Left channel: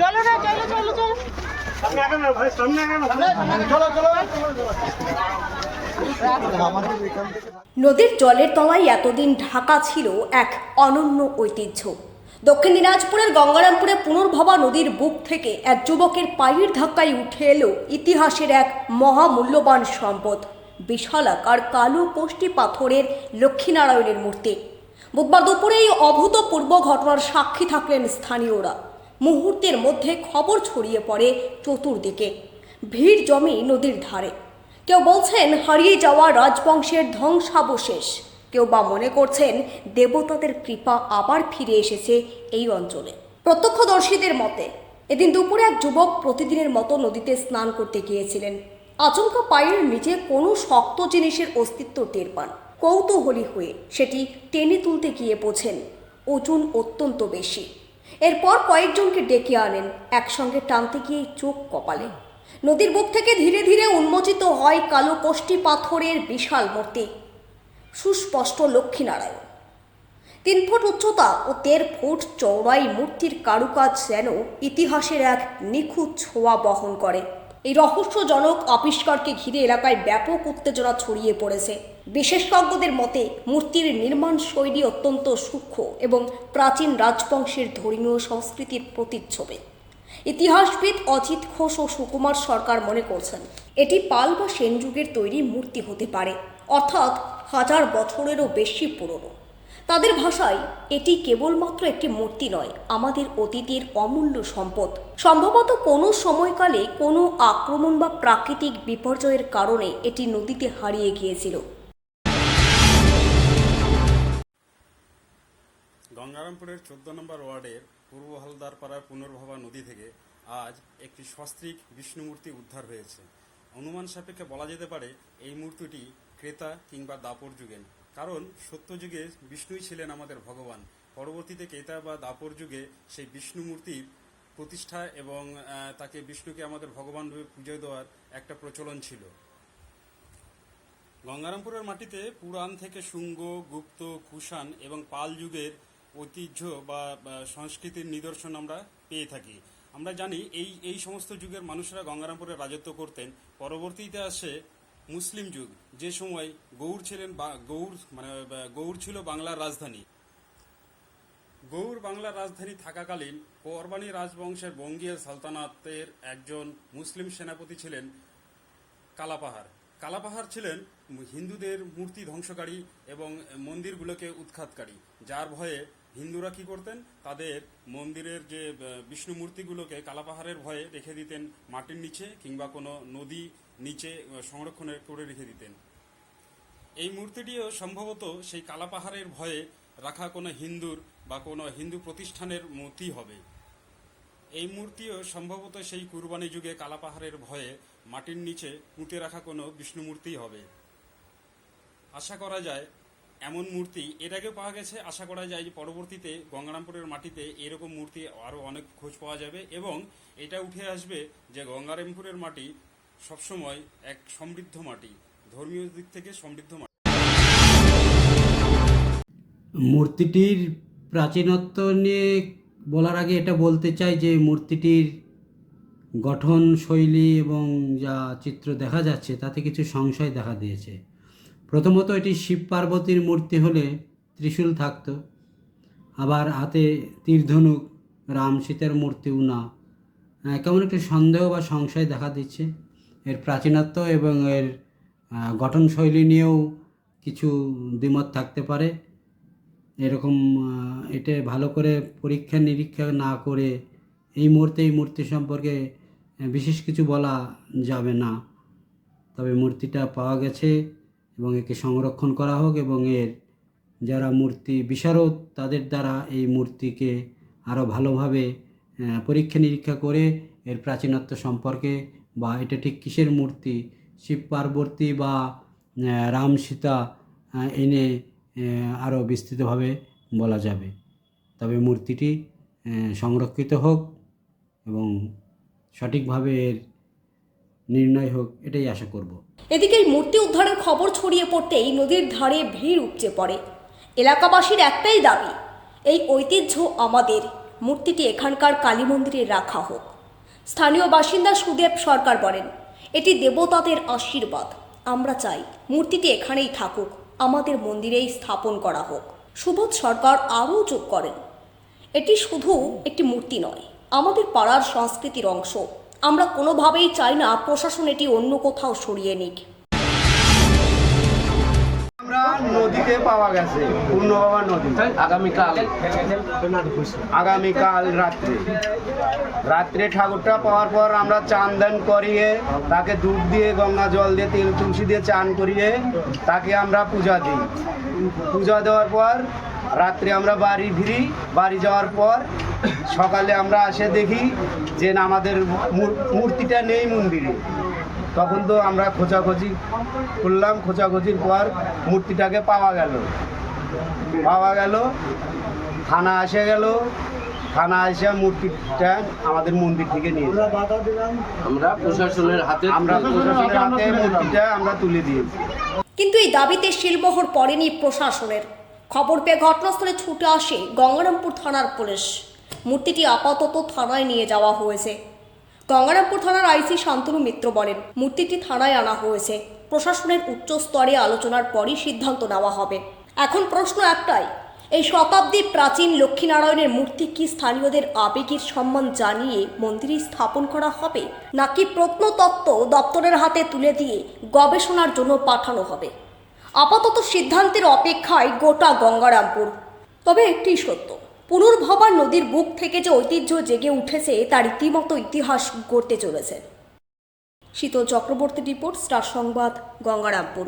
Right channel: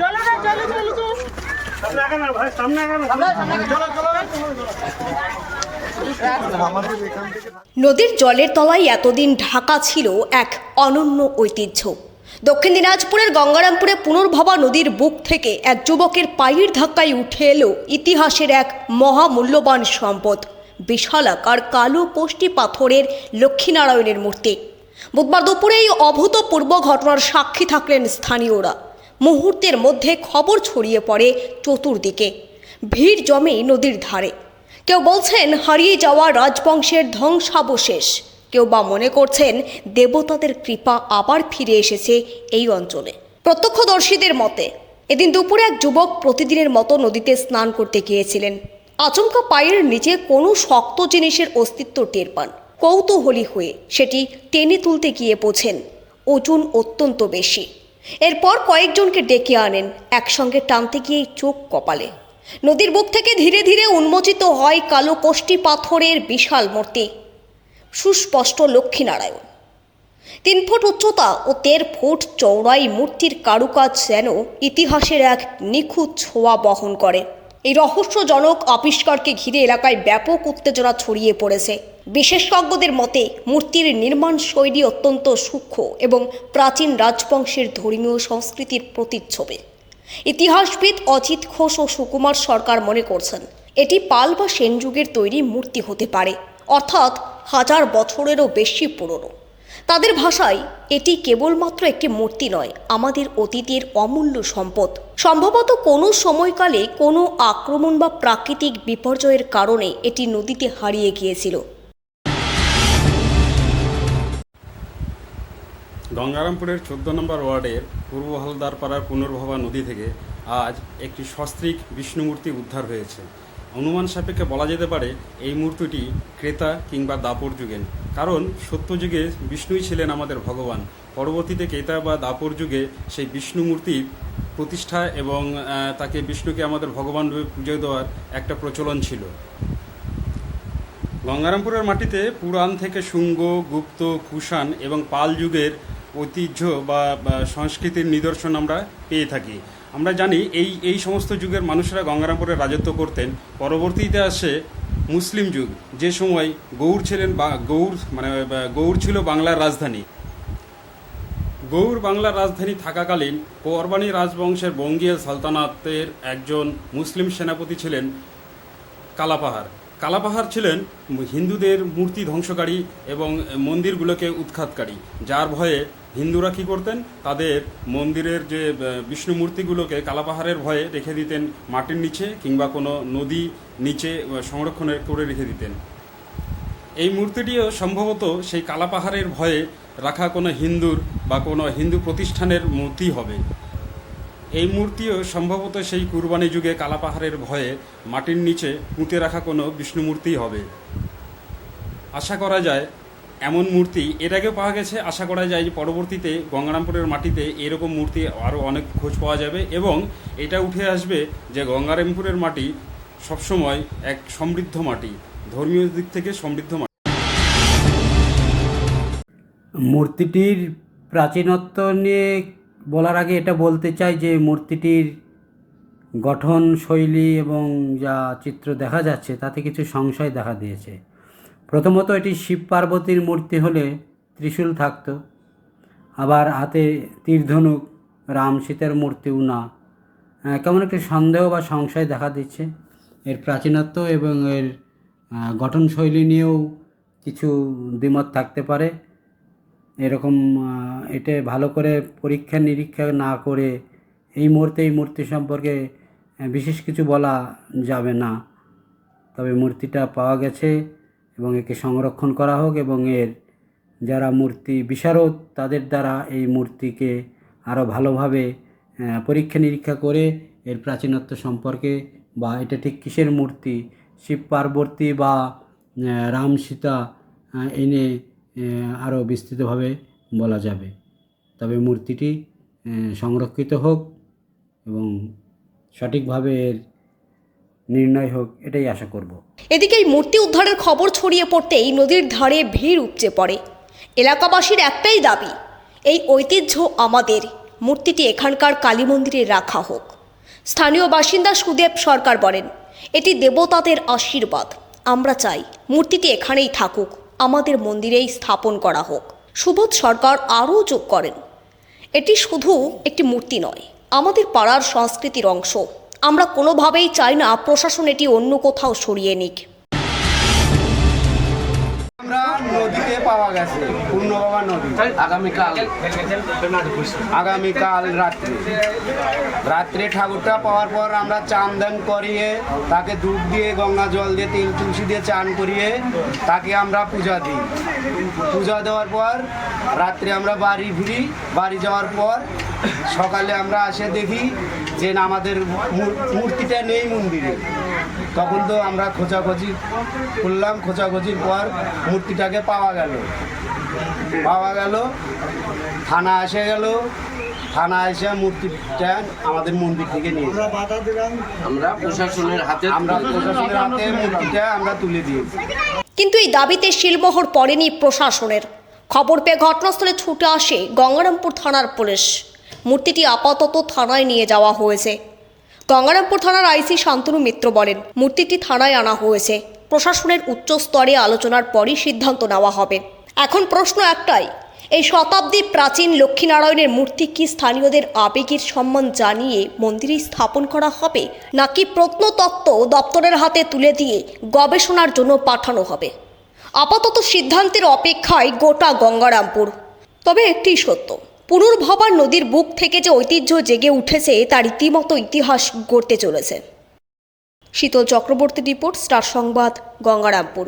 চলো না চলো চলো চলো। নদীর জলের তলায় এতদিন ঢাকা ছিল এক অনন্য ঐতিহ্য। দক্ষিণ দিনাজপুরের গঙ্গারামপুরে পুনর্ভবা নদীর বুক থেকে এক যুবকের পায়ের ধাক্কায় উঠে এলো ইতিহাসের এক মহামূল্যবান সম্পদ। বিশালাকার কালো কোষ্টি পাথরের লক্ষ্মীনারায়ণের মূর্তি। বুধবার দুপুরে এই অভূতপূর্ব ঘটনার সাক্ষী থাকলেন স্থানীয়রা। মুহূর্তের মধ্যে খবর ছড়িয়ে পড়ে চতুর্দিকে। ভিড় জমে নদীর ধারে। কেউ বলছেন, হারিয়ে যাওয়া রাজবংশের ধ্বংসাবশেষ। কেউ বা মনে করছেন, দেবতাদের কৃপা আবার ফিরে এসেছে এই অঞ্চলে। প্রত্যক্ষদর্শীদের মতে, এদিন দুপুরে এক যুবক প্রতিদিনের মতো নদীতে স্নান করতে গিয়েছিলেন। আচমকা পায়ের নিচে কোনো শক্ত জিনিসের অস্তিত্ব টের পান। কৌতূহলী হয়ে সেটি টেনে তুলতে গিয়ে বোঝেন। ওজন অত্যন্ত বেশি। এরপর কয়েকজনকে ডেকে আনেন একসঙ্গে টানতে গিয়ে চোখ কপালে। নদীর বুক থেকে ধীরে ধীরে উন্মোচিত হয় কালো কষ্টি পাথরের বিশাল মূর্তি। সুস্পষ্ট লক্ষ্মীনারায়ণ। তিন ফুট উচ্চতা ও তের ফুট চৌড়াই মূর্তির কারুকাজ যেন ইতিহাসের এক নিখুঁত ছোঁয়া বহন করে। এই রহস্যজনক আবিষ্কারকে ঘিরে এলাকায় ব্যাপক উত্তেজনা ছড়িয়ে পড়েছে। বিশেষজ্ঞদের মতে, মূর্তির নির্মাণ শৈলী অত্যন্ত সূক্ষ্ম এবং প্রাচীন রাজবংশের ধর্মীয় সংস্কৃতির প্রতিচ্ছবি। ইতিহাসবিদ অজিত ঘোষ ও সুকুমার সরকার মনে করছেন, এটি পাল বা সেন যুগের তৈরি মূর্তি হতে পারে, অর্থাৎ হাজার বছরেরও বেশি পুরনো। তাদের ভাষায়, এটি কেবলমাত্র একটি মূর্তি নয়, আমাদের অতীতের অমূল্য সম্পদ। সম্ভবত কোনো সময়কালে কোনো আক্রমণ বা প্রাকৃতিক বিপর্যয়ের কারণে এটি নদীতে হারিয়ে গিয়েছিল। গঙ্গারামপুরের চোদ্দ নম্বর ওয়ার্ডের পূর্ব হালদারপাড়ার পুনর্ভবা নদী থেকে আজ একটি সস্ত্রীক বিষ্ণুমূর্তি উদ্ধার হয়েছে। অনুমান সাপেক্ষে বলা যেতে পারে, এই মূর্তিটি ক্রেতা কিংবা দাপর যুগের। কারণ সত্যযুগে বিষ্ণুই ছিলেন আমাদের ভগবান। পরবর্তীতে ক্রেতা বা দাপর যুগে সেই বিষ্ণু মূর্তির প্রতিষ্ঠা এবং তাকে বিষ্ণুকে আমাদের ভগবান রূপে পুজো দেওয়ার একটা প্রচলন ছিল। গঙ্গারামপুরের মাটিতে পুরাণ থেকে শুঙ্গ, গুপ্ত, কুষাণ এবং পাল যুগের ঐতিহ্য বা সংস্কৃতির নিদর্শন আমরা পেয়ে থাকি। আমরা জানি এই এই সমস্ত যুগের মানুষরা গঙ্গারামপুরে রাজত্ব করতেন। পরবর্তীতে আসে মুসলিম যুগ। যে সময় গৌড় ছিলেন বা, গৌড় মানে গৌড় ছিল বাংলার রাজধানী। গৌড় বাংলার রাজধানী থাকাকালীন পরবানী রাজবংশের বঙ্গীয় সালতানাতের একজন মুসলিম সেনাপতি ছিলেন কালাপাহাড়। কালাপাহাড় ছিলেন হিন্দুদের মূর্তি ধ্বংসকারী এবং মন্দিরগুলোকে উৎখাতকারী, যার ভয়ে হিন্দুরা কী করতেন? তাদের মন্দিরের যে বিষ্ণু মূর্তিগুলোকে কালাপাহাড়ের ভয়ে রেখে দিতেন মাটির নিচে কিংবা কোনো নদী নিচে সংরক্ষণ করে রেখে দিতেন। এই মূর্তিটিও সম্ভবত সেই কালাপাহাড়ের ভয়ে রাখা কোনো হিন্দুর বা কোনো হিন্দু প্রতিষ্ঠানের মূর্তি হবে। এই মূর্তিও সম্ভবত সেই কুরবানি যুগে কালাপাহাড়ের ভয়ে মাটির নিচে পুঁতে রাখা কোনো বিষ্ণু মূর্তি হবে। আশা করা যায় এমন মূর্তি আগে পাওয়া গেছে, আশা করা যায় যে পরবর্তীতে গঙ্গারামপুরের মাটিতে এরকম মূর্তি আরও অনেক খোঁজ পাওয়া যাবে এবং এটা উঠে আসবে যে গঙ্গারামপুরের মাটি সবসময় এক সমৃদ্ধ মাটি, ধর্মীয় দিক থেকে সমৃদ্ধ মাটি। মূর্তিটির প্রাচীনত্ব নিয়ে বলার আগে এটা বলতে চাই যে মূর্তিটির গঠন, শৈলী এবং যা চিত্র দেখা যাচ্ছে, তাতে কিছু সংশয় দেখা দিয়েছে। প্রথমত এটি শিব পার্বতীর মূর্তি হলে ত্রিশূল থাকত, আবার হাতে তীরধনুক রাম সীতার মূর্তিও না। কেমন একটি সন্দেহ বা সংশয় দেখা দিচ্ছে। এর প্রাচীনত্ব এবং এর গঠনশৈলী নিয়েও কিছু দ্বিমত থাকতে পারে। এরকম এটা ভালো করে পরীক্ষা নিরীক্ষা না করে এই মুহূর্তে, এই মূর্তি সম্পর্কে বিশেষ কিছু বলা যাবে না। তবে মূর্তিটা পাওয়া গেছে। এবং একে সংরক্ষণ করা হোক এবং এর যারা মূর্তি বিশারদ, তাদের দ্বারা এই মূর্তিকে আরও ভালোভাবে পরীক্ষা নিরীক্ষা করে এর প্রাচীনত্ব সম্পর্কে বা এটা ঠিক কিসের মূর্তি, শিব পার্বতী বা রাম সীতা এনে আরও বিস্তৃতভাবে বলা যাবে। তবে মূর্তিটি সংরক্ষিত হোক এবং সঠিকভাবে এর নির্ণয় হোক, এটাই আশা করব। এদিকে এই মূর্তি উদ্ধারের খবর ছড়িয়ে পড়তেই নদীর ধারে ভিড় উপচে পড়ে। এলাকাবাসীর একটাই দাবি, এই ঐতিহ্য আমাদের। মূর্তিটি এখানকার কালী মন্দিরে রাখা হোক। স্থানীয় বাসিন্দা সুদেব সরকার বলেন, এটি দেবতাদের আশীর্বাদ। আমরা চাই মূর্তিটি এখানেই থাকুক, আমাদের মন্দিরেই স্থাপন করা হোক। সুবোধ সরকার আরও যোগ করেন, এটি শুধু একটি মূর্তি নয়, আমাদের পাড়ার সংস্কৃতির অংশ। আমরা কোনোভাবেই চাই না প্রশাসন এটি অন্য কোথাও সরিয়ে নিক। আমরা নদীতে পাওয়া গেছে, পূর্ণবাবা নদী, আগামীকাল। আগামীকাল রাত্রে। রাত্রে ঠাকুরটা পাওয়ার পর আমরা চান দান করিয়ে, তাকে দুধ দিয়ে, গঙ্গা জল দিয়ে, তেল তুলসী দিয়ে চান করিয়ে, তাকে আমরা পূজা দিই। পূজা দেওয়ার পর রাত্রে আমরা বাড়ি ফিরি। বাড়ি যাওয়ার পর সকালে আমরা আসে দেখি যে না আমাদের মূর্তিটা নেই মন্দিরে। তখন তো আমরা খোঁজাখুঁজি করলাম খোঁজাখুঁজির পর মূর্তিটাকে পাওয়া গেল। পাওয়া গেল থানা এসে গেল। থানা এসে মূর্তিটা আমাদের মন্দির থেকে নিয়ে আমরা প্রশাসনের হাতে আমরা প্রশাসনের হাতে মূর্তিটা আমরা তুলে দিয়েছি। কিন্তু এই দাবিতে শিলমোহর পড়েনি প্রশাসনের। খবর পেয়ে ঘটনাস্থলে ছুটে আসে গঙ্গারামপুর থানার পুলিশ। মূর্তিটি আপাতত থানায় নিয়ে যাওয়া হয়েছে। গঙ্গারামপুর থানার আইসি শান্তনু মিত্র বলেন, মূর্তিটি থানায় আনা হয়েছে। প্রশাসনের উচ্চ স্তরে আলোচনার পরই সিদ্ধান্ত নেওয়া হবে। এখন প্রশ্ন একটাই, এই শতাব্দী প্রাচীন লক্ষ্মীনারায়ণের মূর্তি কি স্থানীয়দের আবেগের সম্মান জানিয়ে মন্দিরে স্থাপন করা হবে, নাকি প্রত্নতত্ত্ব দপ্তরের হাতে তুলে দিয়ে গবেষণার জন্য পাঠানো হবে? আপাতত সিদ্ধান্তের অপেক্ষায় গোটা গঙ্গারামপুর। তবে একটি সত্য পুনর্ভবার নদীর বুক থেকে যে ঐতিহ্য জেগে উঠেছে, তার রীতিমতো ইতিহাস গড়তে চলেছে। শীতল চক্রবর্তী রিপোর্ট, স্টার সংবাদ, গঙ্গারামপুর।